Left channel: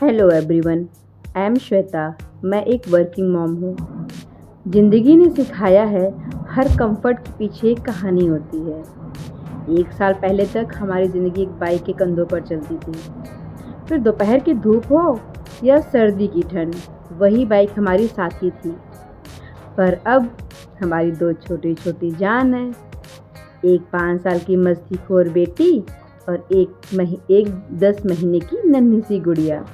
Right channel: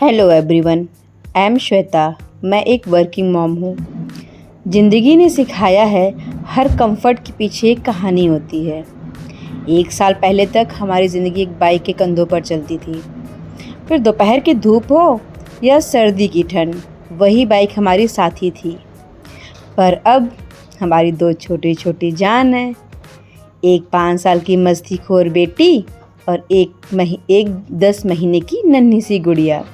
Hello everyone, I am Shweta. मैं एक working mom हूँ। ज़िंदगी ने सिखाया है हर कंफर्ट के पीछे एक कहानी होती है। 1 साल पहले तक हमारी ज़िंदगी एक बाइक के कंधों पर चलती थी। फिर दोपहर की धूप हो या सर्दी की ठंड, वही बाइक हमारी साथी थी। पर अब हमारी 2 छोटी छोटी जान हैं। एक 5 साल की मस्तीखोर बेटी और एक 10 महीने की नन्ही सी गुड़िया।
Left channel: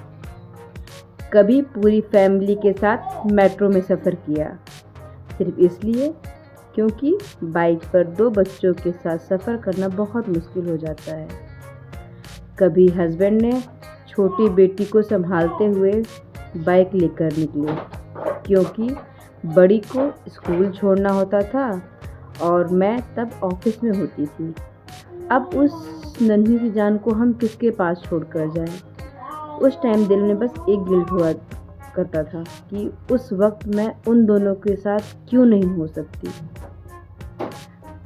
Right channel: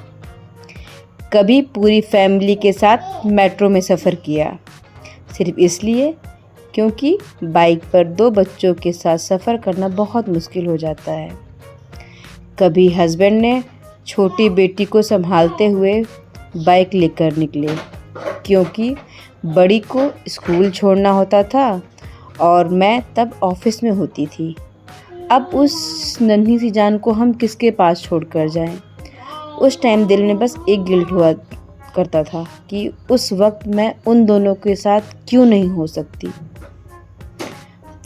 कभी पूरी फैमिली के साथ मेट्रो में सफ़र किया, सिर्फ इसलिए क्योंकि बाइक पर 2 बच्चों के साथ सफ़र करना बहुत मुश्किल हो जाता है। कभी हस्बैंड ने छोटी बेटी को संभालते हुए बाइक लेकर निकले, क्योंकि बड़ी को स्कूल छोड़ना होता था और मैं तब ऑफिस में होती थी। अब उस नन्ही सी जान को हम किसके पास छोड़कर जाएं? उस टाइम दिल में बस एक गिल्ट हुआ करता था कि उस वक्त मैं उन दोनों के साथ क्यों नहीं हो सकती।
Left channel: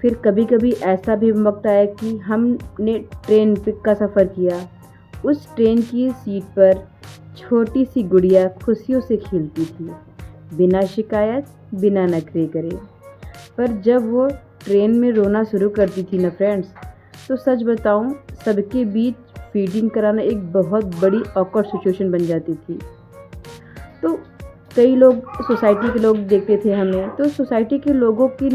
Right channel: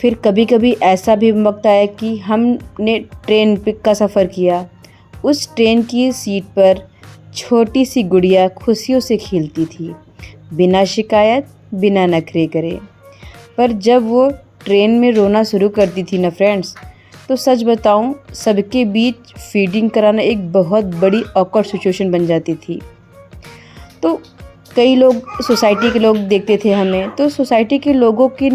फिर कभी कभी ऐसा भी वक्त आया कि हमने ट्रेन का सफ़र किया। उस ट्रेन की सीट पर छोटी सी गुड़िया खुशियों से खेलती थी, बिना शिकायत, बिना नखरे करे। पर जब वो ट्रेन में रोना शुरू करती थी ना फ्रेंड्स, तो सच बताऊं, सबके बीच फीडिंग कराना एक बहुत बड़ी ऑकवर्ड सिचुएशन बन जाती थी। तो कई लोग, सोसाइटी के लोग देखते थे हमें, तो सोसाइटी के लोगों की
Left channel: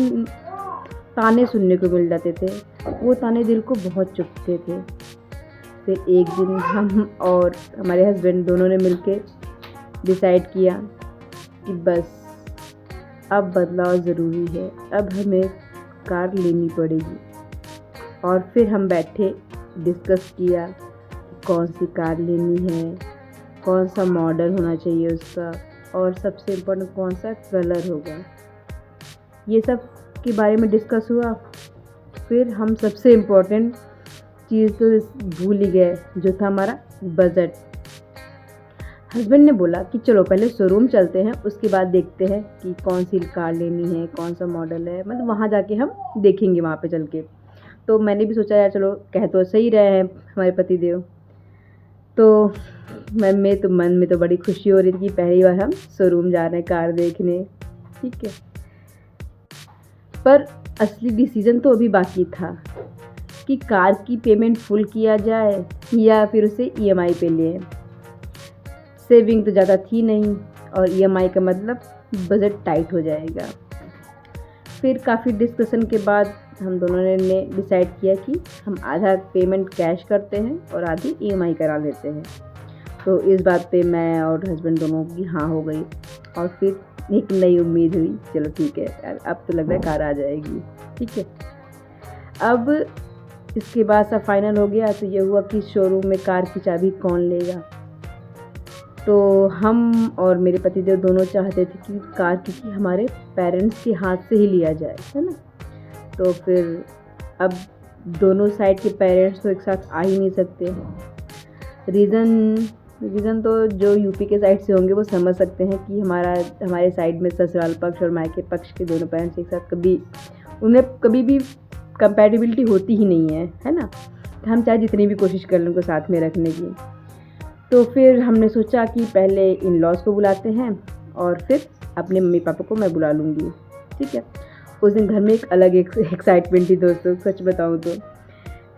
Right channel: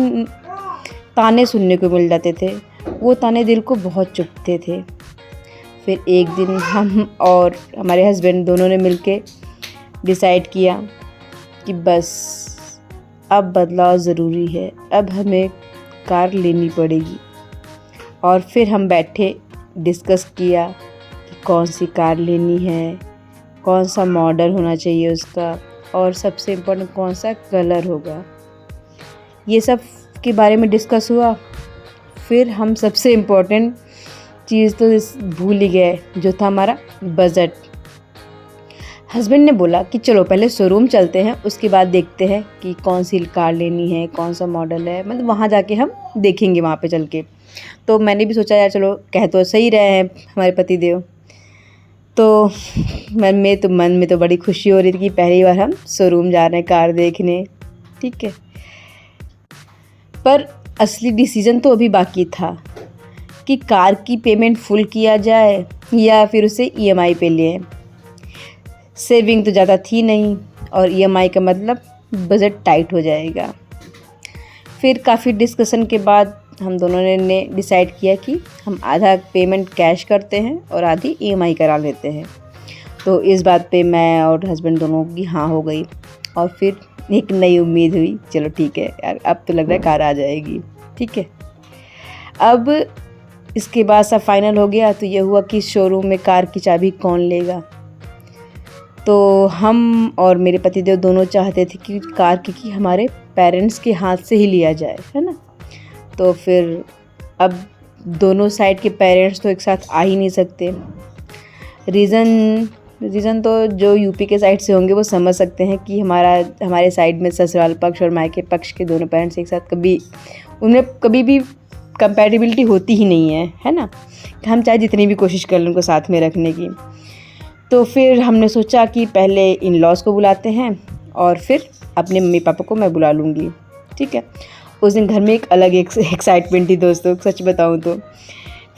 ताने सुनने को मिल जाते थे। वो ताने दिल को बहुत चुभते थे। फिर एक दिन हम और हमारे हस्बैंड दोनों ने मिलके डिसाइड किया कि बस अब बदलाव ज़रूरी है, अब हमें कार लेनी पड़ेगी। और फिर हम बैठे, डिस्कस किया कि कौन सी कार लेनी है, कौन सा मॉडल होना चाहिए उसका, और सबसे इम्पोर्टेंट कौन सा कलर होगा। ये सब के बारे में डिस्कस हुआ। फिर हम सबसे इम्पोर्टेंट चीज़ तो भूल ही गए, जो था हमारा बजट। हस्बैंड ने बोला कि चलो पहले शोरूम चलते हैं, उसके बाद देखते हैं कि कौन सी कार लेनी है, कौन सा मॉडल है, मतलब वहाँ जाके हम देखेंगे वहाँ पे चल के। तो मैंने भी सोचा यार चलो, कह तो सही रहे हैं हमारे पतिदेव। तो मन में तो बड़ी खुशी हो रही थी कि पहली बार हम शोरूम जा रहे हैं कार देखने, ठीक है। पर असली डिसीजन तो अभी बाकी था कि कार की पेमेंट फुल किया जाए या फिर उसे ईएमआई पे लें। सेविंग तो ज़्यादा थी नहीं और ईएमआई का मतलब बजट टाइट हो जाएगा। फिर काफ़ी डिस्कशन के बाद हम दोनों ने डिसाइड किया कि हम आधा पेमेंट कैश करते हैं और आधी ईएमआई करा लेते हैं। तो इस बात पे मैं और हस्बैंड दोनों की हाँ हो गई। और फिर एक नई उम्मीद हुई, चलो ठीक है यार, अब तो लग रहा है कार आ जाएगी, ठीक है। अब इसके बाद सब फाइनल हो गया। तो ये हुआ कि शोरूम में कार की चाबी कौन लेगा। तो हम और मेरे पतिदेव दोनों चाहते थे कि कार की हमारे पेरेंट्स के हाथ से ही लिया जाए, है ना। तो फिर अब दोनों साइड के पेरेंट्स तो एक साथ आ ही नहीं सकते। रीज़न तो जो यूपी के साइड से होंगे वो समझ सकते हैं कि हमारे साइड में ससुराल पक्ष और मायके पक्ष के दोनों पेरेंट्स एक साथ उनमें कभी भी कंपैटिबिलिटी होती ही नहीं है ना। हम चाहे जितनी भी कोशिश कर लें उनको साथ में रखने की। तो फिर हमने सोचा कि पहले इन लॉज को बुलाते हैं और फिर अपने मम्मी पापा को मैं बुला लूँगी, ठीक है। उस दिन घर में एक अलग एक्साइटमेंट थी दोस्तों, सच बताऊँ तो।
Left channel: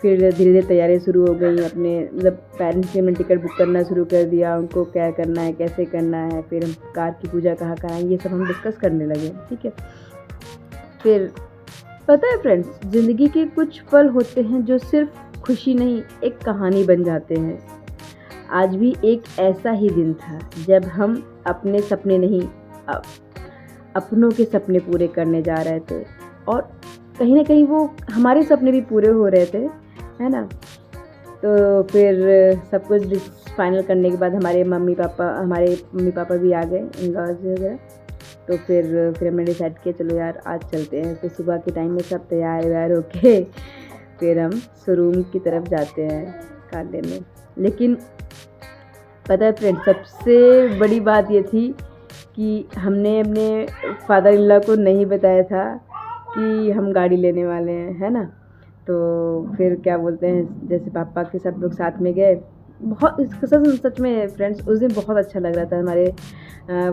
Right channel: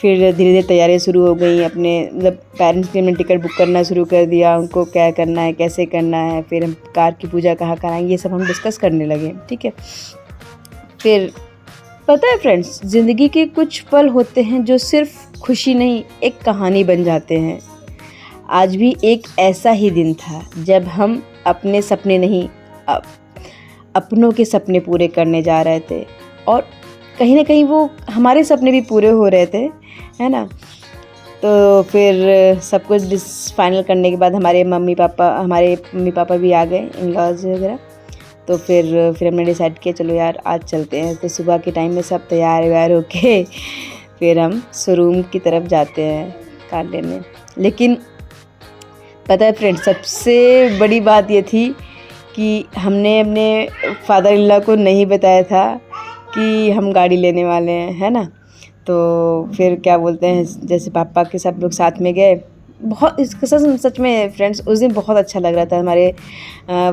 फिर धीरे धीरे तैयारियां शुरू हो गई। अपने मतलब पेरेंट्स के लिए टिकट बुक करना शुरू कर दिया, उनको क्या करना है, कैसे करना है, फिर हम कार की पूजा कहाँ कराएंगे, ये सब हम डिस्कस करने लगे, ठीक है। फिर पता है फ्रेंड्स, ज़िंदगी के कुछ पल होते हैं जो सिर्फ खुशी नहीं, एक कहानी बन जाते हैं। आज भी एक ऐसा ही दिन था जब हम अपने सपने नहीं, अपनों के सपने पूरे करने जा रहे थे, और कहीं ना कहीं वो हमारे सपने भी पूरे हो रहे थे, है ना। तो फिर सब कुछ फाइनल करने के बाद हमारे मम्मी पापा भी आ गए, इन लॉज वगैरह। तो फिर हमने डिसाइड किया चलो यार आज चलते हैं। तो सुबह के टाइम में सब तैयार व्यार होके फिर हम शोरूम की तरफ जाते हैं कार लेने। लेकिन पता है फ्रेंड्स, सबसे बड़ी बात ये थी कि हमने अपने फादर इन लॉ को नहीं बताया था कि हम गाड़ी लेने वाले हैं, है ना। तो फिर क्या बोलते हैं, जैसे पापा के सब लोग साथ में गए, बहुत इस सच में फ्रेंड्स उस दिन बहुत अच्छा लग रहा था। हमारे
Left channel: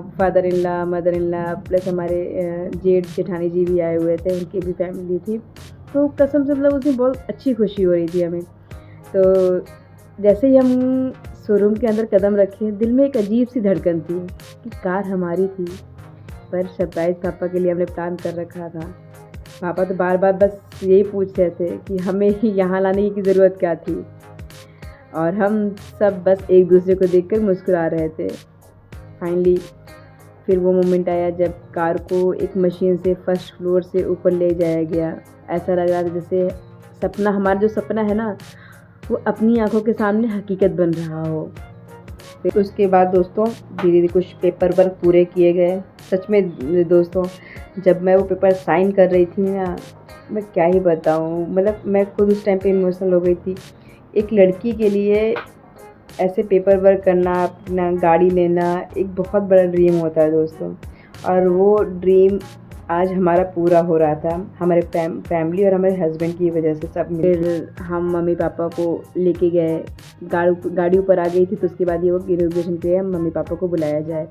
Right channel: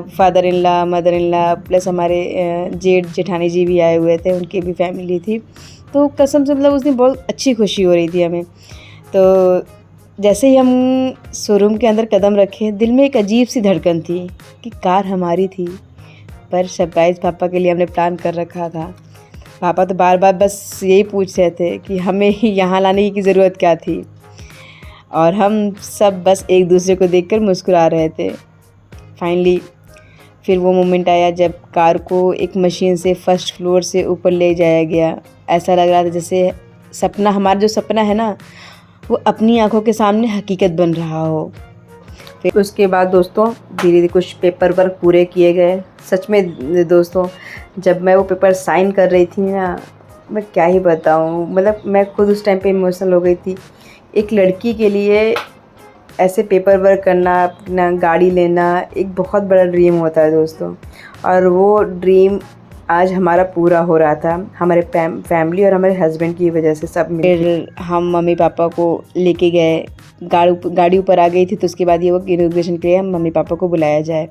father in law, mother in law plus हमारे जेठ जेठानी जी भी आए हुए थे, उनकी भी फैमिली थी। तो कसम से मतलब उस दिन बहुत अच्छी खुशी हो रही थी हमें। तो जैसे ही हम शोरूम के अंदर कदम रखे, दिल में एक अजीब सी धड़कन थी कि कार हमारी थी, पर सरप्राइज़ पापा के लिए हमने प्लान कर रखा था। पापा तो बार बार बस यही पूछ रहे थे कि हमें यहाँ लाने की ज़रूरत क्या थी, और हम सब बस एक दूसरे को देखकर मुस्कुरा रहे थे। फाइनली फिर वो मोमेंट आया जब कार को एक मशीन से फर्स्ट फ्लोर से ऊपर ले जाया गया। ऐसा लग रहा था जैसे सपना, हमारा जो सपना है ना, वो अपनी आंखों के सामने हकीकत बन रहा हो। फिर उसके बाद दोस्तों धीरे धीरे कुछ पेपर वर्क पूरे किए गए। सच में दोस्तों, जब मैं वो पेपर साइन कर रही थी ना, मैं क्या ही बताऊँ, मतलब मैं खुद उस टाइम पे इमोशनल हो गई थी। एक लड़की के लिए ऐसे पेपर वर्क करना, अपना गाड़ी लेना एक बहुत बड़ा ड्रीम होता है दोस्तों, और वो ड्रीम आज हमारा पूरा हो रहा था, हमारे फैमिली और हमारे हस्बैंड की वजह से सब मिलके। फिर हम मम्मी पापा को लेके गए, गाड़ी ऊपर आ गई थी, तो उसके बाद ये वो इनॉग्रेशन के लिए हम मम्मी पापा को बुलाया जाए।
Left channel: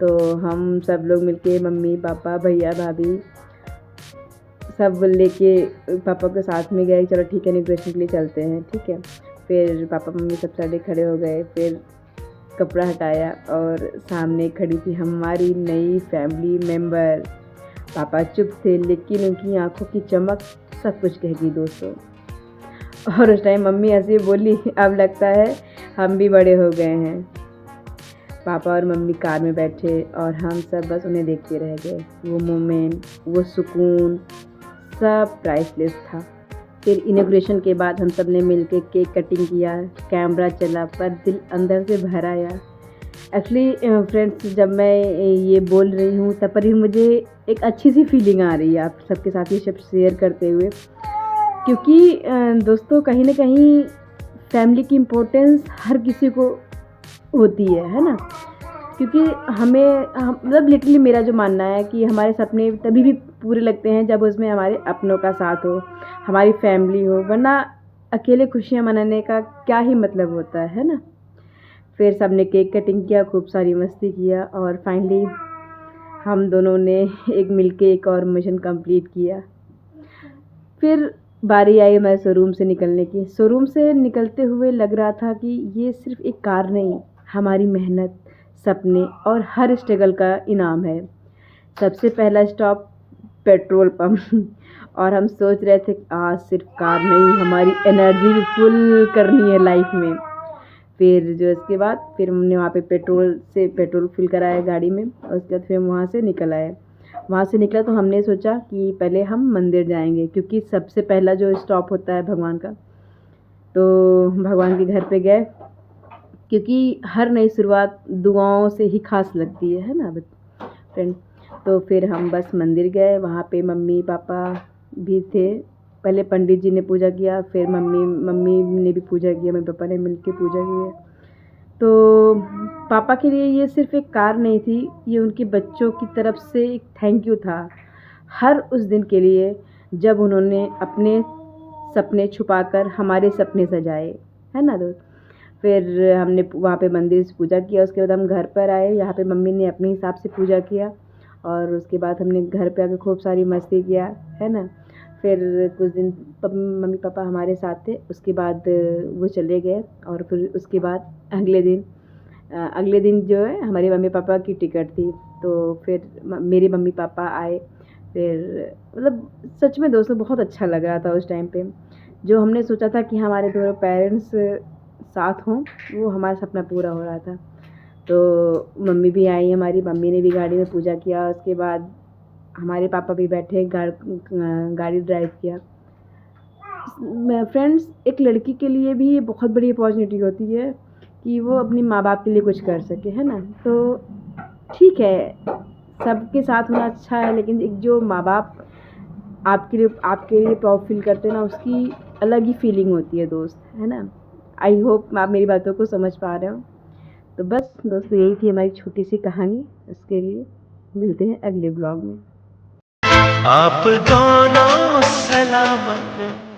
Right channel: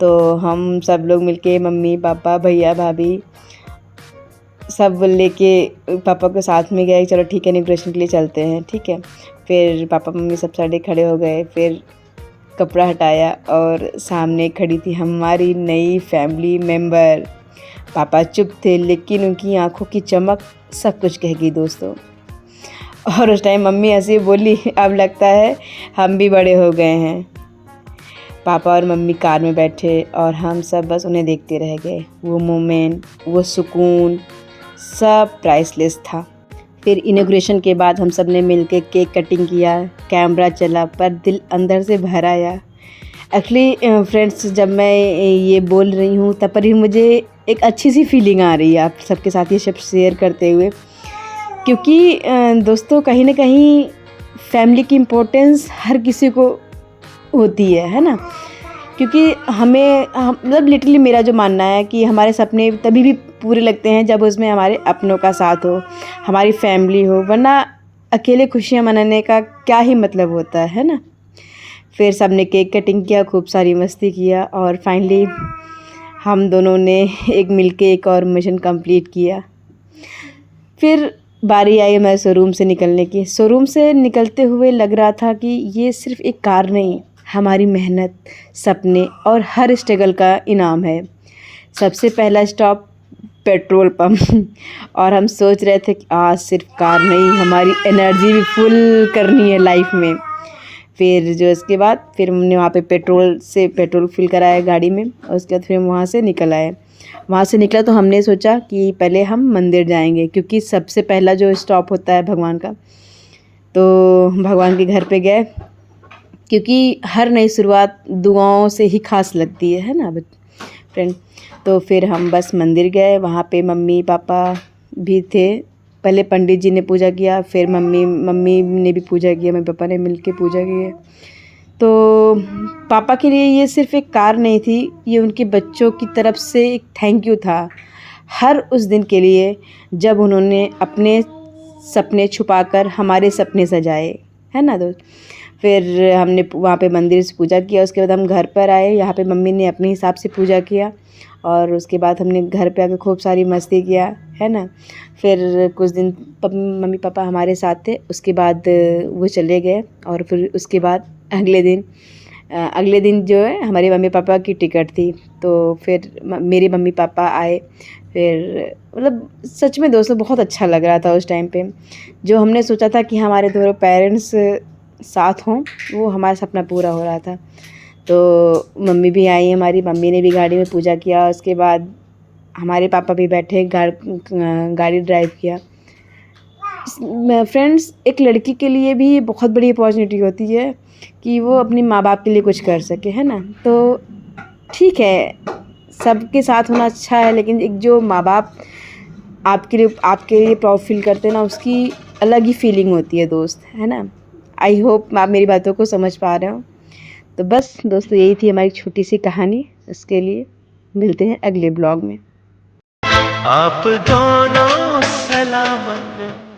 तो हम सब लोग मिलके, मम्मी पापा भैया भाभी सब लेके पापा के साथ में गए। चलो ठीक है, इनॉग्रेशन के लिए चलते हैं, ठीक है। फिर पापा मम्मी सब सारे खड़े हो गए। फिर कपड़ा हटाया और सामने खड़ी थी हमारी नई फैमिली मेम्बर। पापा चुप थे, लेकिन उनकी आंखों की चमक सब कुछ कह गई दोस्तों। और उस टाइम मम्मी हंसी बोली, अब लगता है हम भी बड़े हो गए हैं। पापा और मम्मी कार में बैठे और हम सब बस उन्हें देखते रह गए। वो मोमेंट, वो सुकून सब प्राइसलेस था। फिर इनॉग्रेशन के बाद हम सब ने मिलकर केक कटिंग किया, कैमरा चला, पर दिल अंदर से भर आया। एक्चुअली फ्रेंड्स, जब मैं ये बोल रही हूँ तब पर ही मुझे एक अच्छी सी फीलिंग आ रही है आप सबके साथ ये सब शेयर करते हुए, क्योंकि दोस्तों कहीं ना कहीं फैमिली की इम्पोर्टेंस हर किसी को होती है ना। क्योंकि मतलब लिटरली मेरा जो मानना है कि हमारे सपने तभी भी पूरे लगते हैं जब उसमें हमारे अपनों का साथ हो, हमारी फैमिली हो, वरना अकेले खुशियाँ मनाने का क्या ही मतलब होता है ना। फिर सब ने केक कटिंग किया, खूब सारी मस्ती किया, और फाइनली हम दोनों ने मिलके एक और मिशन कंप्लीट किया। फिर बारी आई हमारे शोरूम से निकलने की। शोरूम से निकलते हुए लग रहा था कि ये सिर्फ एक कार नहीं, हमारी मेहनत, सपने और हर स्ट्रगल का इनाम है। सबसे पहला स्टॉप पेट्रोल पंप और हम सोच रहे थे कि आज सिर्फ कार नहीं, हमारी एनर्जी भी फुल करनी है लाइफ में। फिर जो इसके बाद फिर हमने वहाँ पे पेट्रोल फिल कराया गाड़ी में, और उसके बाद फिर हम वहाँ से निकल आए। वहाँ से निकला तो हमने सोचा कि पहले हम मंदिर जाएंगे, क्योंकि सबसे पहला जो स्टॉप होता है भगवान का। तो भगवान के घर पे गए, क्योंकि हर नई शुरुआत दुआओं से ही खास लगती है ना फ्रेंड। तो फिर हम बस मंदिर गए, वहाँ पे मम्मी पापा भी थे। पहले पंडित जी ने पूजा किया, फिर मम्मी ने भी पूजा किया, मेरे पापा ने मिलके पूजा की। तो पापा के लिए ये सिर्फ एक कार नहीं थी, ये उनके बच्चों की तरफ से एक थैंक यू था हर उस दिन के लिए जब उन्होंने अपने सपने छुपाकर हमारे सपने सजाए, है ना दोस्त। फिर हमने वहाँ पे मंदिर से पूजा किया, उसके बाद हम घर पर आए। यहाँ पे मम्मी ने अपने हिसाब से पूजा किया, और उसके बाद हमने घर पे आकर खूब सारी मस्ती किया, है ना। फिर कुछ दिन मम्मी पापा हमारे साथ थे, उसके बाद वो चले गए। और फिर उसके बाद अगले दिन जो है हमारे मम्मी पापा की टिकट थी, तो फिर मेरे मम्मी पापा आए। फिर मतलब सच में दोस्तों बहुत अच्छा लग रहा था उस टाइम पे। जो हमने सोचा था कि हमारे दोनों पेरेंट्स साथ हों, वो हमारा सपना पूरा हो रहा था। तो मम्मी भी आई, हमारी मम्मी ने भी गाड़ी में पूजा किया, उसके बाद हमारे पापा भी बैठे, गाड़ी ड्राइव किया। फ्रेंड्स, एक लड़की के लिए भी बहुत बड़ी अपॉर्चुनिटी होती है कि वो अपने माँ बाप के लिए कुछ कर सके, है ना। तो ठीक है, सबके साथ होना अच्छा है, लेकिन एक जो माँ बाप आपके लिए प्राउड फील करते हैं ना, उसकी अलग ही फीलिंग होती है दोस्त, है ना। आई होप आप मेरी बातों को समझ पा रहे हो। तो बस दोस्तों, यही थी हमारी छोटी सी कहानी। उसके लिए मिलते हैं अगले ब्लॉग में। आप दोनों सलामत